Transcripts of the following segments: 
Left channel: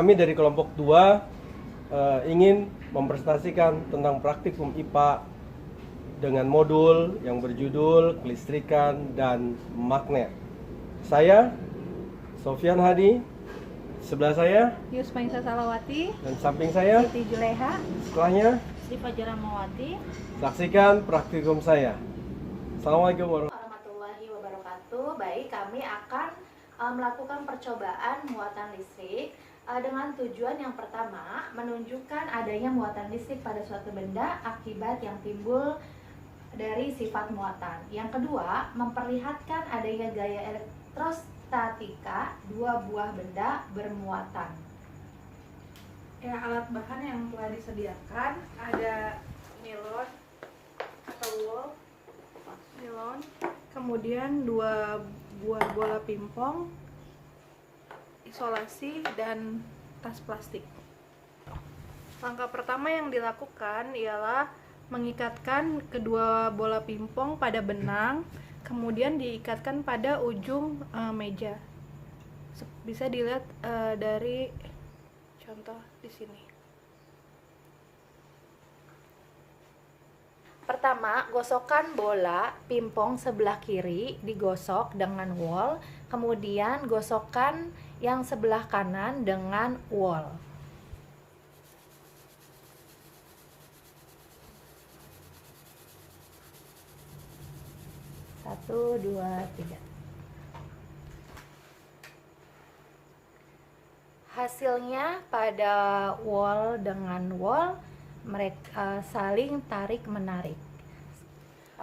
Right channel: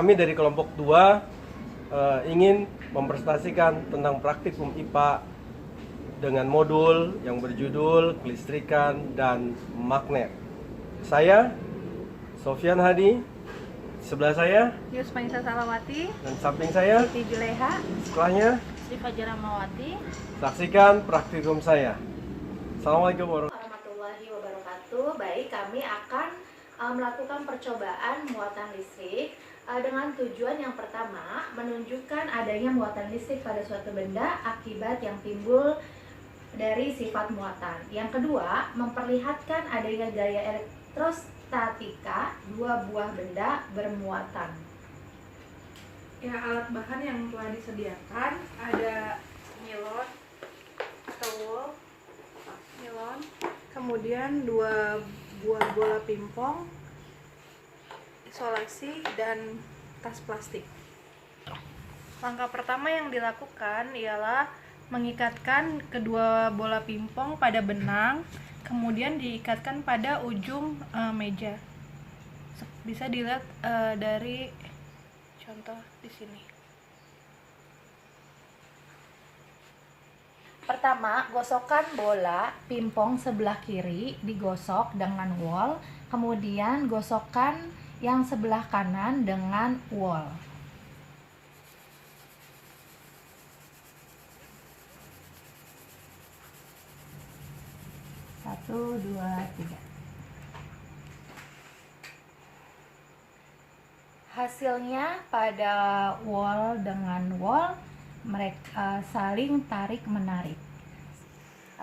kami dari kelompok 2 ingin mempresentasikan tentang praktikum IPA dengan modul yang berjudul kelistrikan dan magnet. Saya Sofyan Hadi, sebelah saya Yusmaisa Salawati, dan samping saya Siti Juleha, setelahnya. Sri Fajra Mawati. Saksikan praktikum saya. Assalamualaikum warahmatullahi wabarakatuh. Baik, kami akan melakukan percobaan muatan listrik dengan tujuan yang pertama menunjukkan adanya muatan listrik pada suatu benda akibat yang timbul dari sifat muatan. Yang kedua, memperlihatkan adanya gaya elektrostatika dua buah benda bermuatan. Ya, alat bahan yang telah disediakan ada nilon atau wool, nilon, kemudian 2 buah bola pingpong, isolasi, dan tas plastik. Langkah pertama yang dilakukan ialah mengikatkan kedua bola pingpong pada benang, kemudian diikatkan pada ujung meja. Bisa dilihat dari contoh di sini. Pertama, gosokkan bola pingpong sebelah kiri digosok dengan wol, kemudian gosokkan yang sebelah kanan dengan wol. Satu, dua, tiga. Hasilnya pada wol dengan wol mereka saling tarik menarik.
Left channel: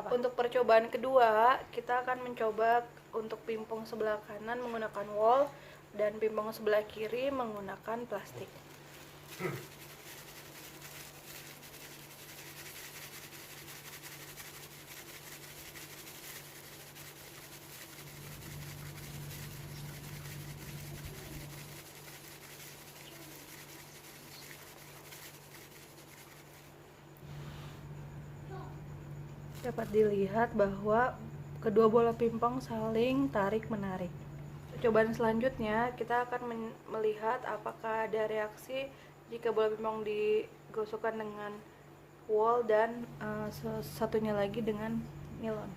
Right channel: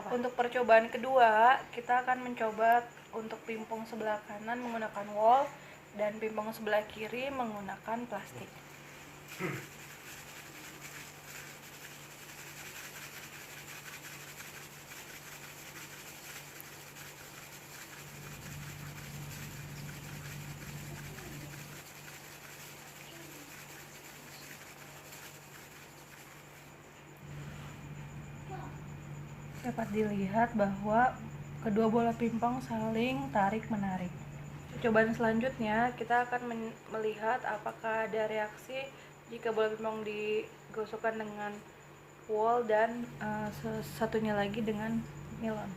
Untuk percobaan kedua, kita akan mencoba untuk pingpong sebelah kanan menggunakan wol dan pingpong sebelah kiri menggunakan plastik. Dapat dilihat bahwa kedua bola pingpong saling tarik-menarik. Percobaan selanjutnya, kita akan melihat apakah ada reaksi jika bola pingpong digosokkan dengan wol dan satunya lagi dengan nilon.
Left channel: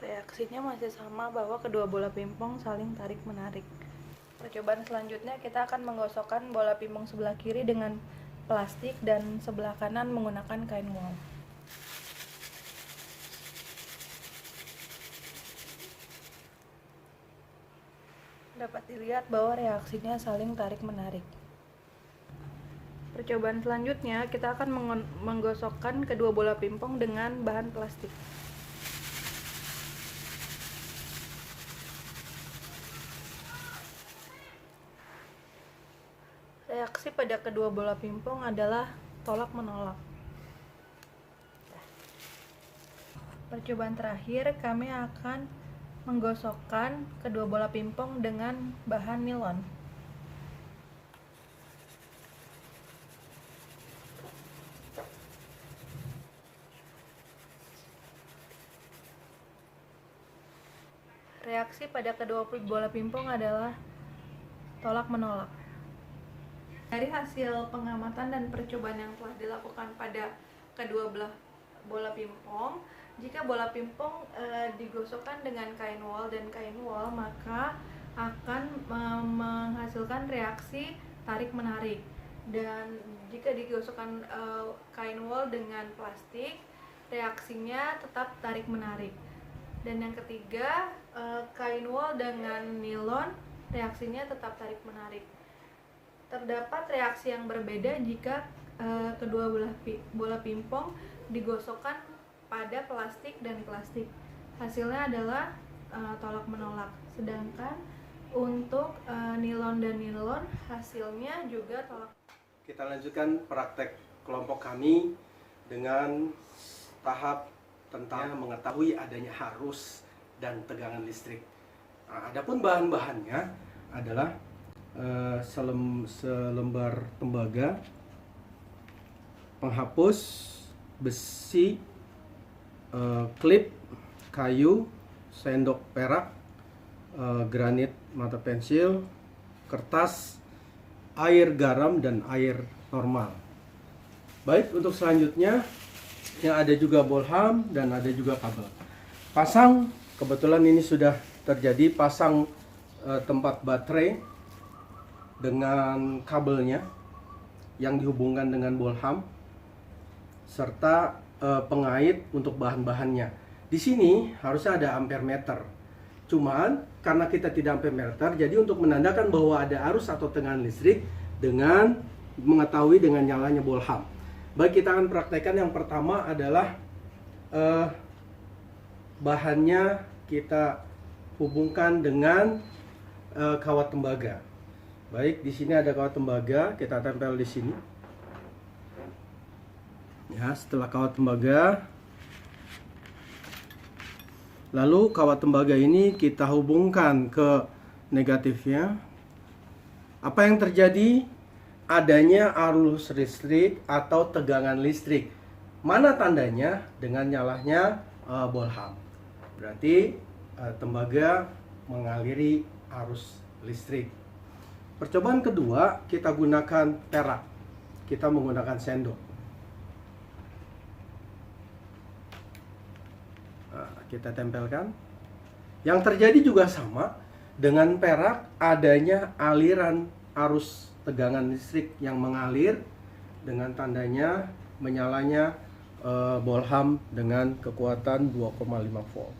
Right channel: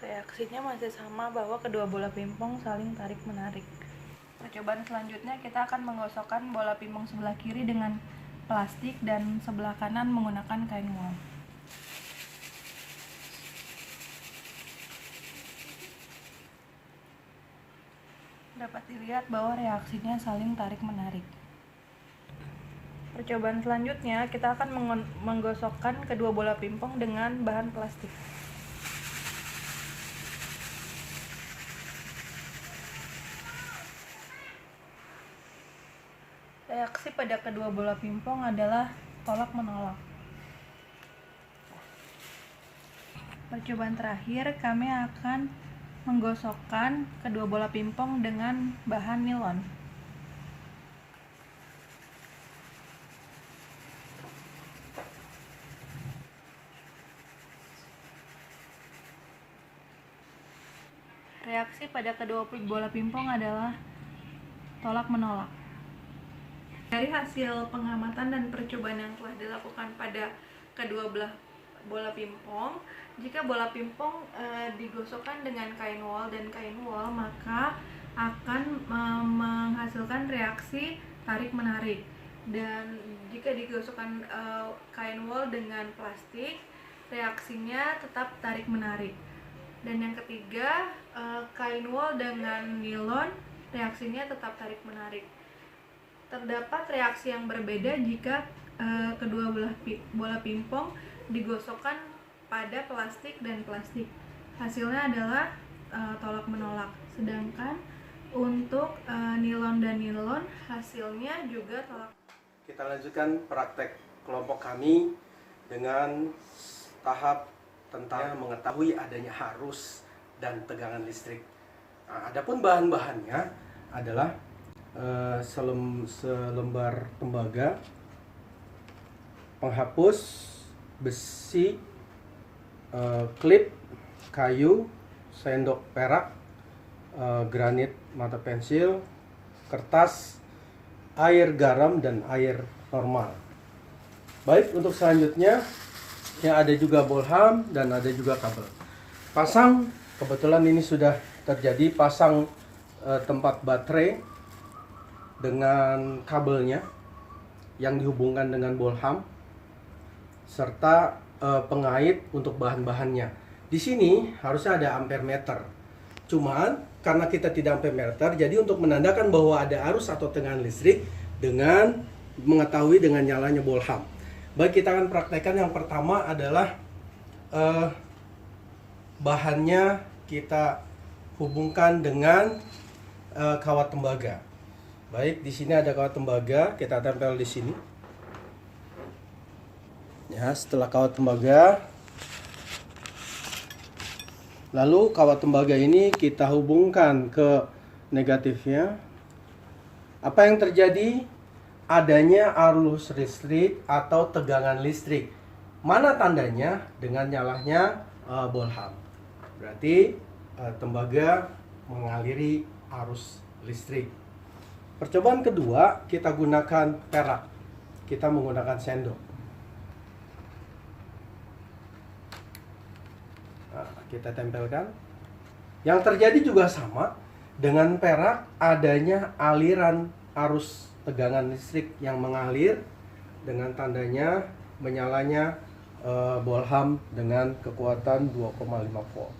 Reaksinya masih sama bahwa kedua bola pingpong saling tarik-menarik. Percobaan selanjutnya, kita akan menggosokkan bola pingpong sebelah kiri dengan plastik dan sebelah kanan menggunakan kain wol. Dapat dilihat bahwa reaksinya saling tarik-menarik. Percobaan selanjutnya, kita akan menggosokkan kedua bola pingpong dengan bahan plastik. Reaksi pada kedua bola pingpong adalah tolak-menolak. Percobaan terakhir, kami akan menggosokkan kedua bola pingpong dengan bahan nilon. Reaksi pada kedua bola pingpong adalah tolak-menolak. Dari hasil pengamatan dan percobaan yang telah dilakukan pada kedua belah bola pingpong, jika bola pingpong digosokkan dengan kain wol dan kain wol, maka akan menghasilkan reaksi tarik-menarik. Dan jika digosokkan kain wol dengan plastik, reaksinya tetap tarik-menarik. Dan yang ketiga, kain wol dengan nilon, reaksinya tetap tarik-menarik. Terdapat reaksi yang berbeda jika kedua bola pingpong digosokkan pada plastik dan plastik. Hasilnya adalah tolak-menolak. Sedangkan untuk nilon dan nilon hasilnya juga tolak. Kita lanjutkan praktek kelompok kami dengan tahap tentang mengetahui adanya arus dan tegangan listrik. Adapun bahan-bahannya adalah selembar tembaga, penghapus, besi, klip kayu, sendok perak, granit mata pensil, kertas, air garam, dan air normal. Baik, untuk selanjutnya yang ada juga bolham dan ada juga kabel. Pasang, kebetulan ini sudah terjadi, pasang tempat baterai dengan kabelnya yang dihubungkan dengan bolham serta pengait untuk bahan-bahannya. Di sini harusnya ada ampere meter. Cuman karena kita tidak ampere meter, jadi untuk menandakan bahwa ada arus atau tegangan listrik dengan mengetahui dengan nyalanya bolham. Baik, kita akan praktekkan. Yang pertama adalah bahannya kita hubungkan dengan kawat tembaga. Baik, di sini ada kawat tembaga, kita tempel di sini. Ya, setelah kawat tembaga, lalu kawat tembaga ini kita hubungkan ke negatifnya. Apa yang terjadi? Adanya arus listrik atau tegangan listrik. Mana tandanya? Dengan nyalanya bolham. Berarti tembaga mengaliri arus listrik. Percobaan kedua, kita gunakan perak. Kita menggunakan sendok. Kita tempelkan. Yang terjadi juga sama. Dengan perak adanya aliran arus tegangan listrik yang mengalir, dengan tandanya menyalanya bolham dengan kekuatan 2,5 volt.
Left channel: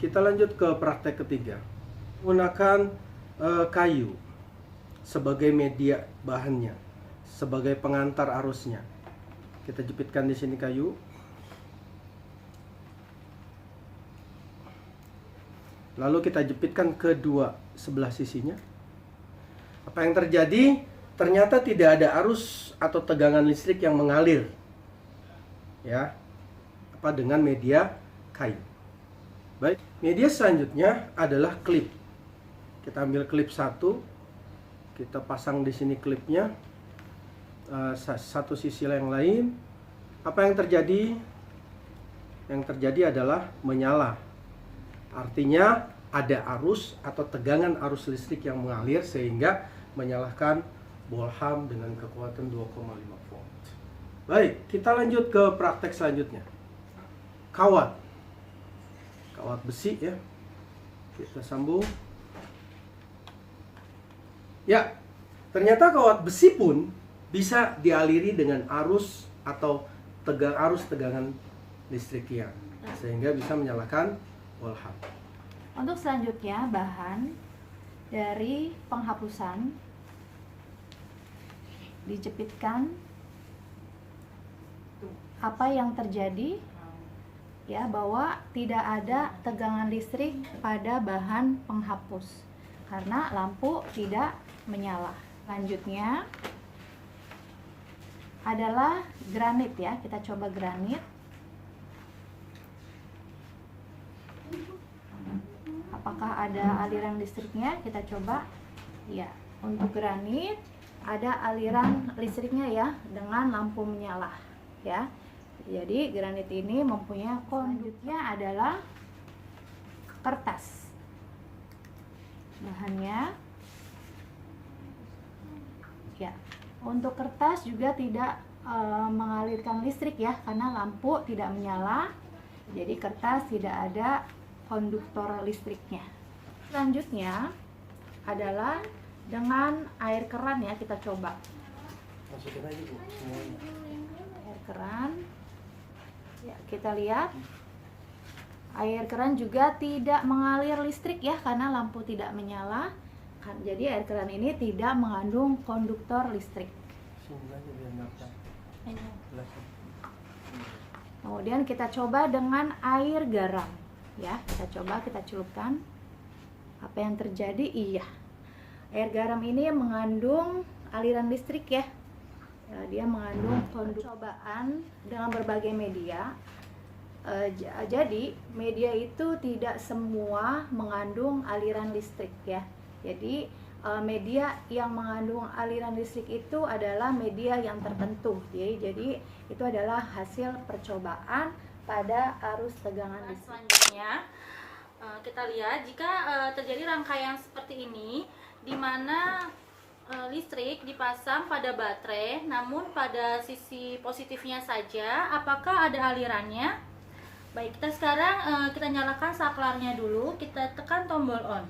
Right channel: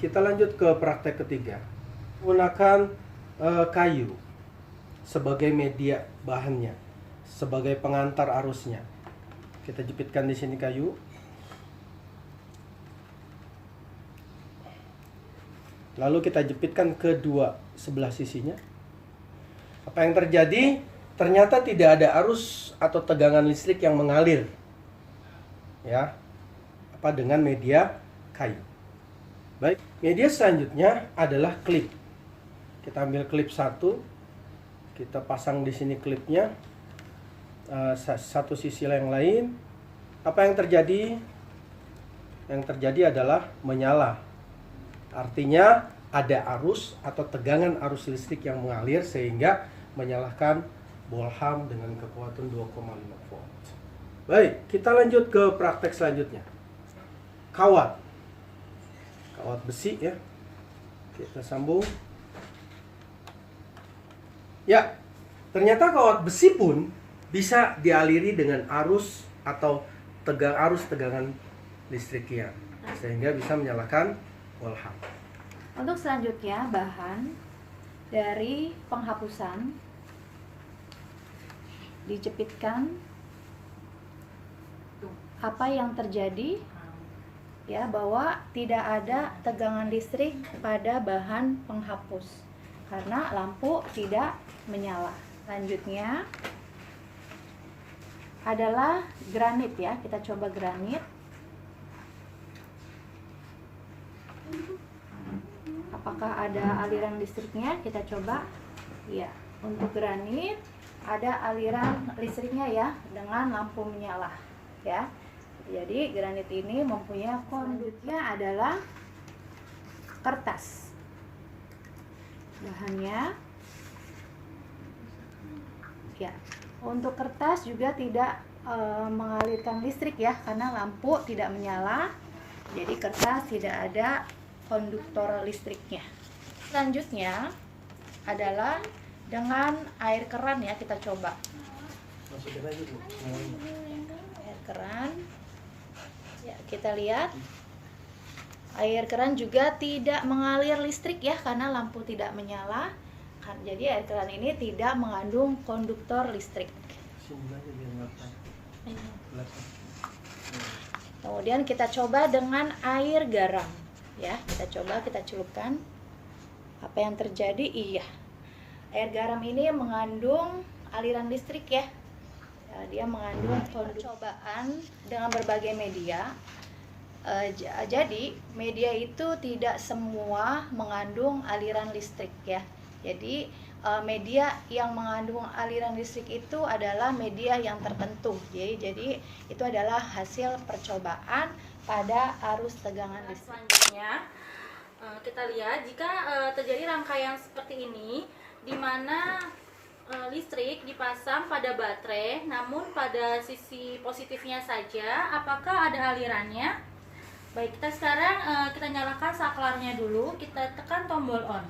Kita lanjut ke praktek ketiga. Menggunakan kayu sebagai media bahannya, sebagai pengantar arusnya. Kita jepitkan di sini kayu. Lalu kita jepitkan kedua sebelah sisinya. Apa yang terjadi? Ternyata tidak ada arus atau tegangan listrik yang mengalir. Ya. Apa dengan media kayu. Baik, media selanjutnya adalah klip. Kita ambil klip satu. Kita pasang di sini klipnya. Satu sisi yang lain. Apa yang terjadi? Yang terjadi adalah menyala. Artinya ada arus atau tegangan arus listrik yang mengalir sehingga menyalakan bolham dengan kekuatan 2,5 volt. Baik, kita lanjut ke praktek selanjutnya. Kawat besi ya. Kita sambung. Ya, ternyata kawat besi pun bisa dialiri dengan arus atau arus tegangan listriknya sehingga bisa menyalakan bolham. Untuk selanjutnya, bahan dari penghapusan dijepitkan. Apa yang terjadi ya, bahwa tidak ada tegangan listrik pada bahan penghapus karena lampu tidak menyala. Selanjutnya adalah granit ya, kita coba granit. Apakah ada aliran listriknya? Kita coba. Iya, untuk granit ada aliran listriknya ya, dengan lampu menyala ya. Jadi granit ini mempunyai konduknya adalah kertas. Bahannya ya, untuk kertas juga tidak mengalirkan listrik ya, karena lampu tidak menyala. Jadi kertas tidak ada konduktor listriknya. Selanjutnya adalah dengan air keran ya, kita coba. Air keran. Ya, kita lihat. Air keran juga tidak mengalir listrik ya, karena lampu tidak menyala. Jadi air keran ini tidak mengandung konduktor listrik. Kemudian kita coba dengan air garam. Ya, kita coba, kita celupkan. Apa yang terjadi? Iya, air garam ini mengandung aliran listrik ya. Dia mengandung percobaan dengan berbagai media. Jadi media itu tidak semua mengandung aliran listrik ya. Jadi media yang mengandung aliran listrik itu adalah media yang tertentu. Jadi itu adalah hasil percobaan pada arus tegangan listrik. Selanjutnya kita lihat jika terjadi rangkaian seperti ini, di mana listrik dipasang pada baterai, namun pada sisi positifnya saja, apakah ada alirannya? Baik, kita sekarang kita nyalakan saklarnya dulu, kita tekan tombol on.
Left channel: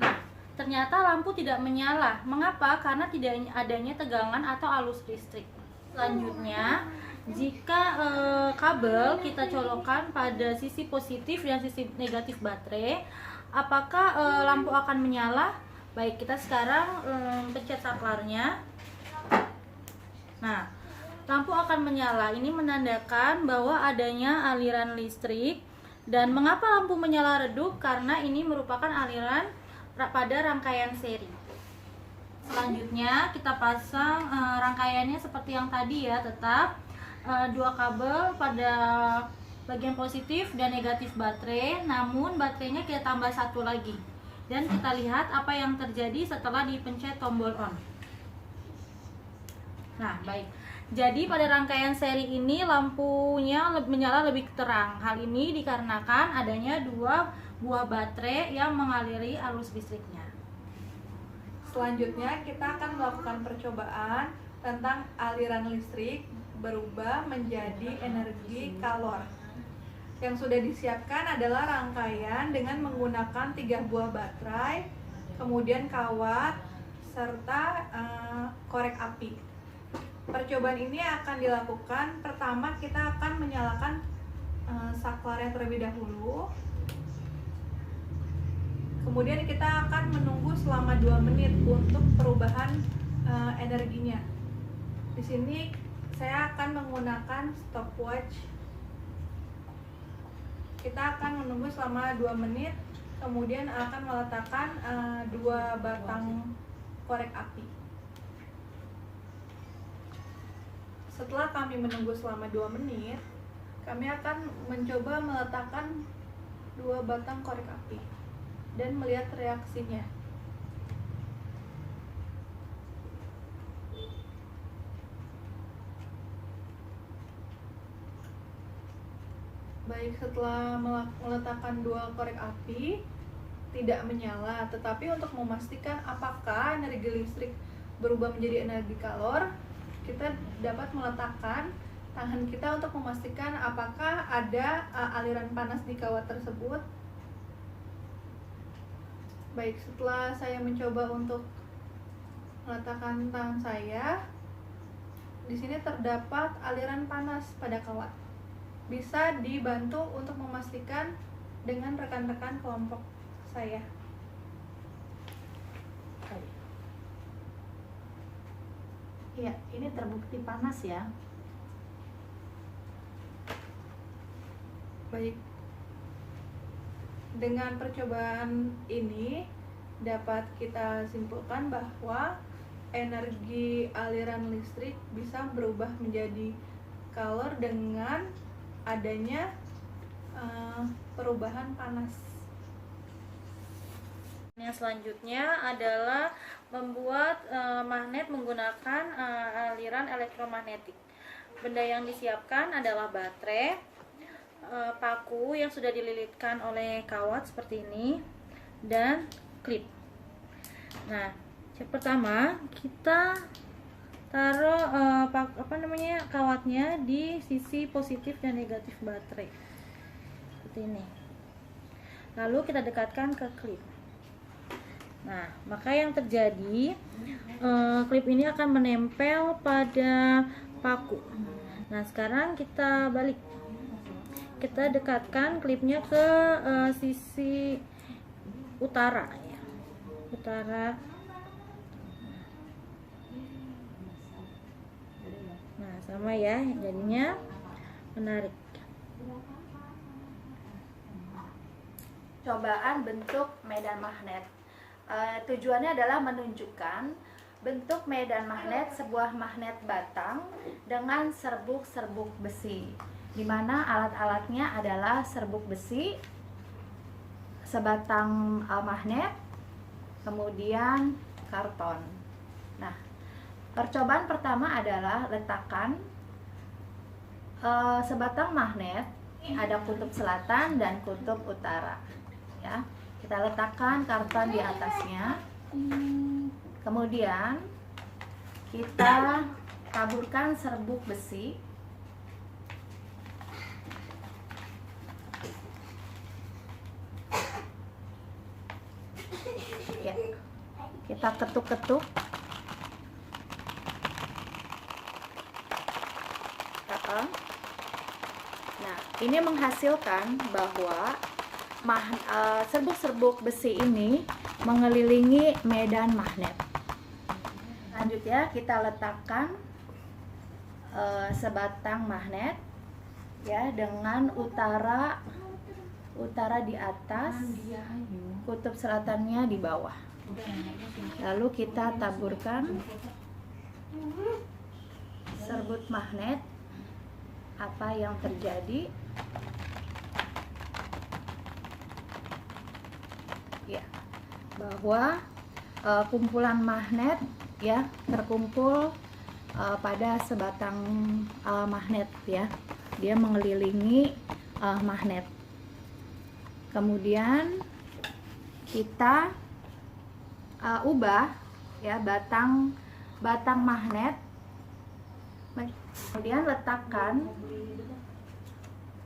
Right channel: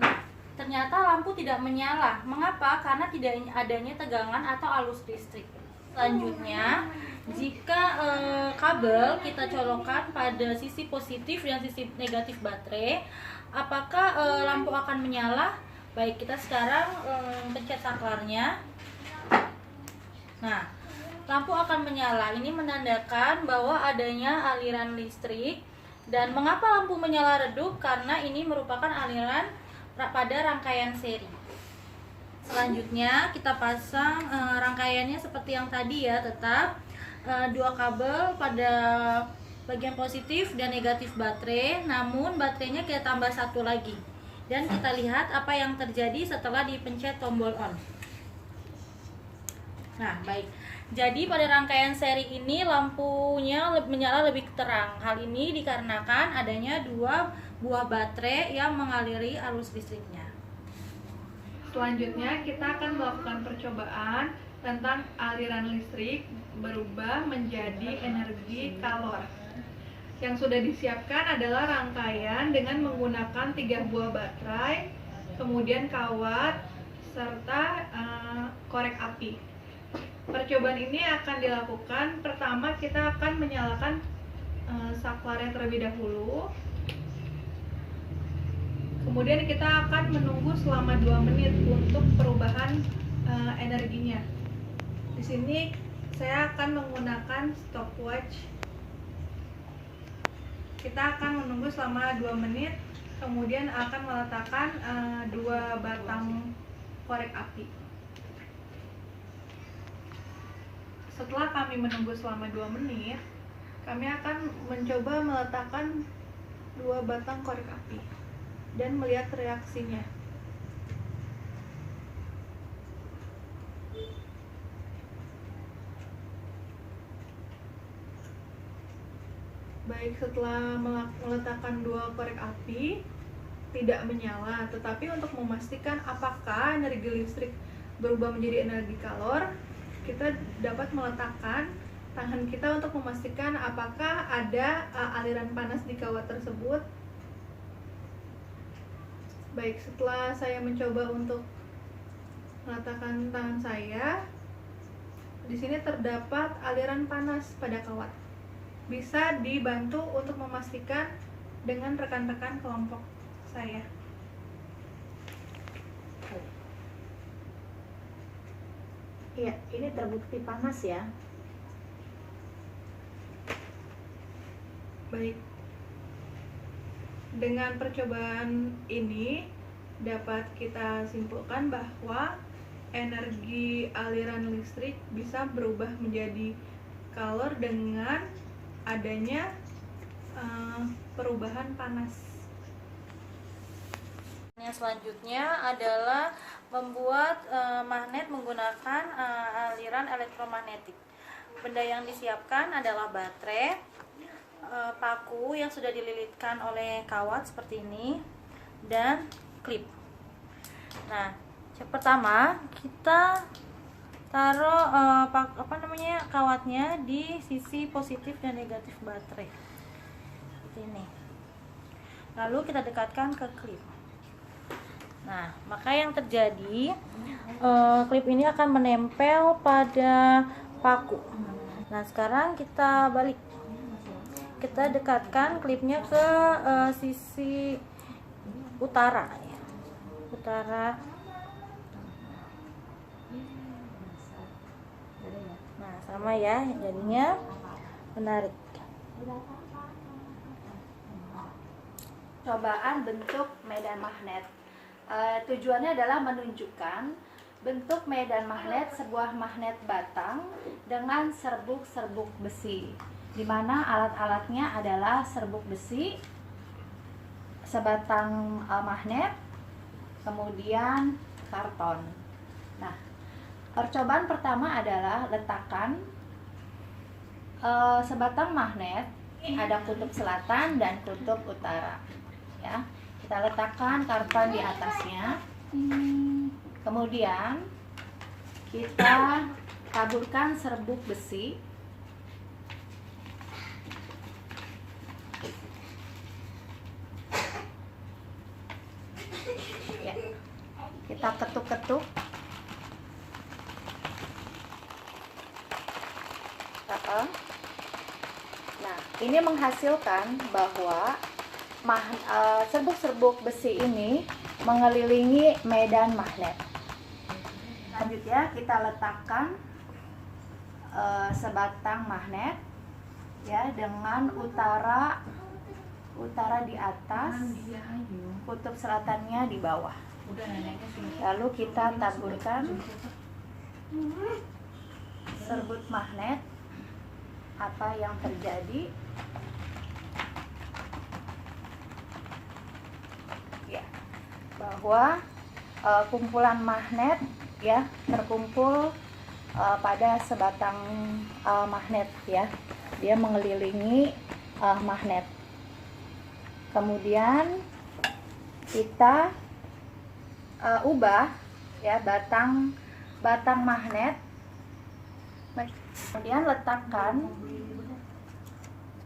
Nah, ternyata lampu tidak menyala. Mengapa? Karena tidak adanya tegangan atau arus listrik. Selanjutnya, jika kabel kita colokkan pada sisi positif dan sisi negatif baterai, apakah lampu akan menyala? Baik, kita sekarang pencet saklarnya. Nah, lampu akan menyala. Ini menandakan bahwa adanya aliran listrik. Dan mengapa lampu menyala redup? Karena ini merupakan aliran pada rangkaian seri. Selanjutnya kita pasang rangkaiannya seperti yang tadi ya, tetap dua kabel pada bagian positif dan negatif baterai, namun baterainya kita tambah satu lagi. Dan kita lihat apa yang terjadi setelah dipencet tombol on. Nah, baik. Jadi pada rangkaian seri ini lampunya menyala lebih terang. Hal ini dikarenakan adanya dua buah baterai yang mengaliri arus listriknya. Selanjutnya kita akan melakukan percobaan tentang aliran listrik berubah menjadi energi kalor. Yang sudah disiapkan adalah rangkaian dengan menggunakan 3 buah baterai, kemudian kawat, serta korek api. Percobaan ini akan dilakukan, pertama kita akan menyalakan saklarnya terlebih dahulu. Kemudian kita akan menunggu selama 2 menit untuk perubahan energinya. Di sini saya akan menggunakan stopwatch. Kita akan menunggu selama 2 menit, kemudian akan meletakkan 2 batang korek api. Setelah kami menunggu selama 2 menit, kami akan mencoba meletakkan 2 batang korek api dan melihat reaksinya. Baik, setelah meletakkan 2 korek api tidak menyala, tetapi untuk memastikan apakah energi listrik berubah menjadi energi kalor, kita dapat meletakkan tangan kita untuk memastikan apakah ada aliran panas di kawat tersebut. Baik, setelah saya mencoba untuk meletakkan tangan saya, di sini terdapat aliran panas pada kawat. Bisa dibantu untuk memastikan dengan rekan-rekan kelompok saya. Iya, ini terbukti panas ya. Baik, dengan percobaan ini dapat kita simpulkan bahwa energi aliran listrik bisa berubah menjadi kalor dengan adanya perubahan panas. Yang selanjutnya adalah membuat magnet menggunakan aliran elektromagnetik. Benda yang disiapkan adalah baterai, paku yang sudah dililitkan oleh kawat seperti ini, dan klip. Nah, yang pertama kita taruh kawatnya di sisi positif dan negatif baterai seperti ini. Lalu kita dekatkan ke klip. Nah, maka yang terjadi klip ini akan menempel pada paku. Nah, sekarang kita balik. Kita dekatkan klipnya ke sisi utara. Nah, sama ya, jadinya menarik. Cobaan bentuk medan magnet. Tujuannya adalah menunjukkan bentuk medan magnet sebuah magnet batang dengan serbuk-serbuk besi, di mana alat-alatnya adalah serbuk besi, sebatang magnet, kemudian karton. Nah, percobaan pertama adalah letakkan sebatang magnet, ada kutub selatan dan kutub utara. Ya, kita letakkan karton di atasnya. Kemudian kita taburkan serbuk besi. Ya, kita ketuk-ketuk. Nah, ini menghasilkan bahwa serbuk-serbuk besi ini mengelilingi medan magnet. Selanjutnya kita letakkan sebatang magnet ya, dengan utara di atas, kutub selatannya di bawah. Lalu kita taburkan serbuk magnet. Apa yang terjadi? Ya, bahwa kumpulan magnet ya terkumpul pada sebatang magnet ya. Dia mengelilingi magnet. Kemudian kita ubah ya batang magnet. Kemudian letakkan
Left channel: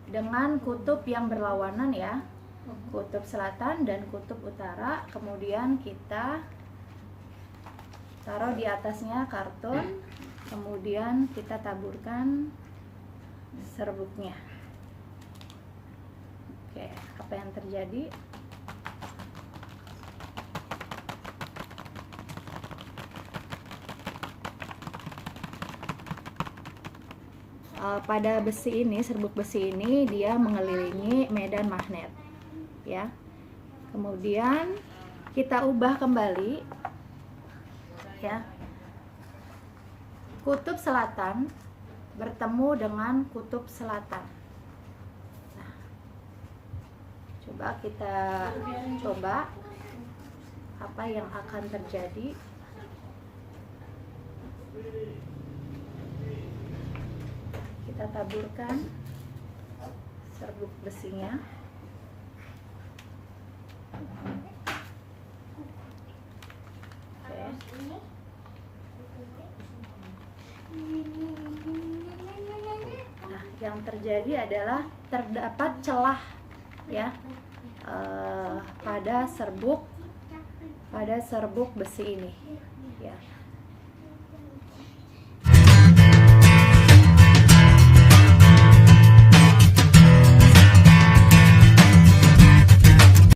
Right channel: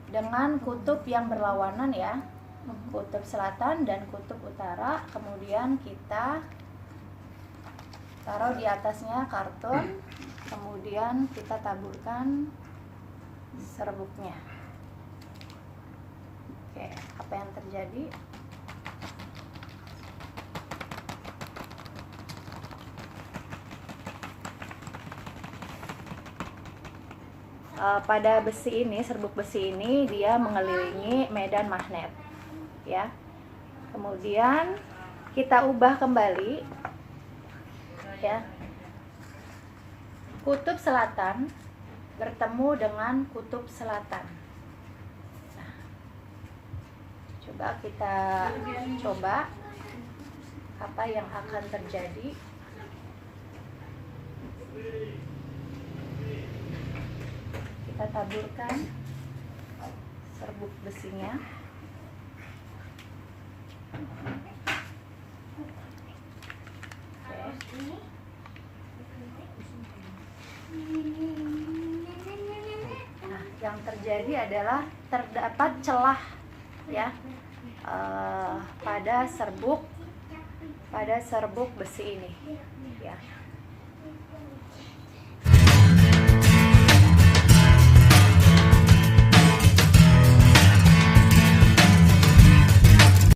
dengan kutub yang berlawanan ya, kutub selatan dan kutub utara. Kemudian kita taruh di atasnya karton. Kemudian kita taburkan serbuknya. Oke, apa yang terjadi? Pada besi ini, serbuk besi ini dia mengelilingi medan magnet ya. Kemudian kita ubah kembali ya, kutub selatan bertemu dengan kutub selatan. Nah, coba kita coba apa yang akan terjadi. Kita taburkan serbuk besinya. Nah, yang terjadi adalah terdapat celah ya pada serbuk besi ini ya.